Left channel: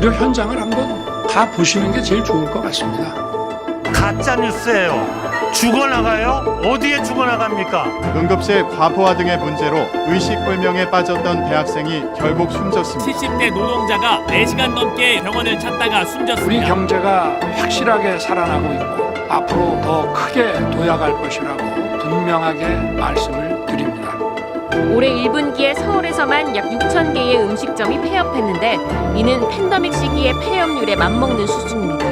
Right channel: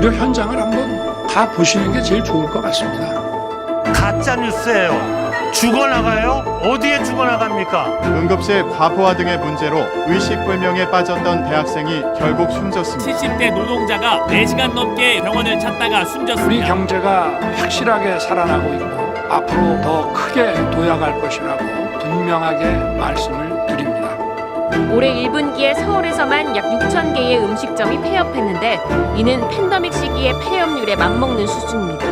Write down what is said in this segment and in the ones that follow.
오히려 현장을 한번 가 보시는 게 제일 좋을 것 같습니다. 가짜 뉴스예요. 죽어나가요? 어디에 죽어나갑니까? 응급실 과부하 등의 문제로 의식불명에 빠졌던 대학생이 결국 숨졌습니다. 70대 노동자가 4시간 넘게 병원을 찾다가 우리 숨졌습니다. 경제가 확실하게 살아나고 있고 앞으로 더 크게 도약할 것이라고 분명하게 말씀을 드립니다. 올해 1분기에 서울에서만 약 6천 개의 음식점이 폐업했는데 이는 팬데믹 시기의 폐업률에 맞먹는 수준입니다.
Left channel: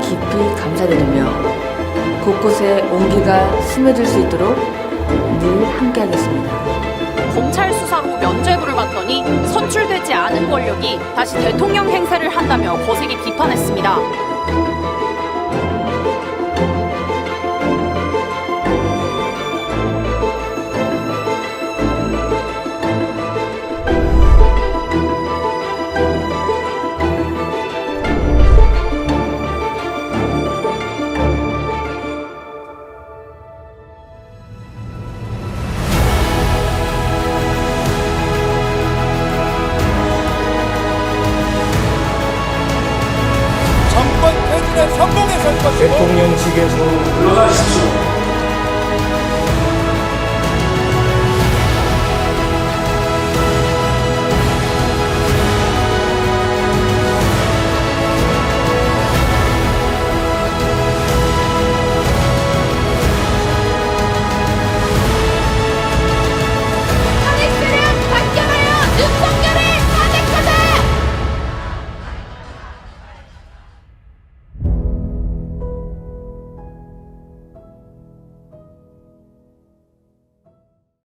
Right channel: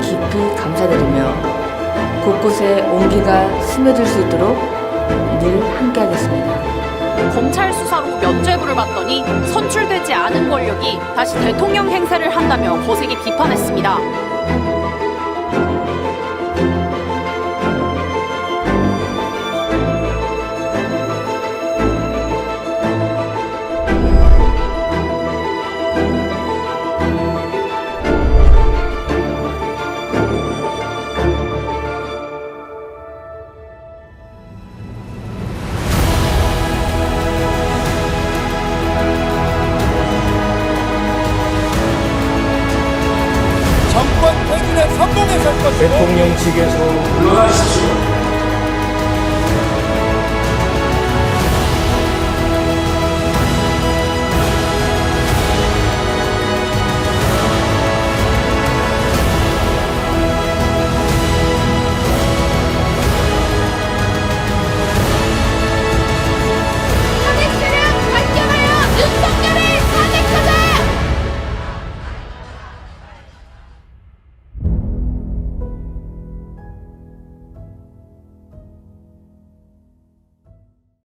깊이 감사드리며 곳곳에 온기가 스며들 수 있도록 늘 함께하겠습니다. 검찰 수사로 면죄부를 받더니 선출되지 않은 권력이 다시 대통령 행세를 한다며 거세게 비판했습니다. 정권 퇴진에 성공했을 것이고 대통령직에서 물러나십시오.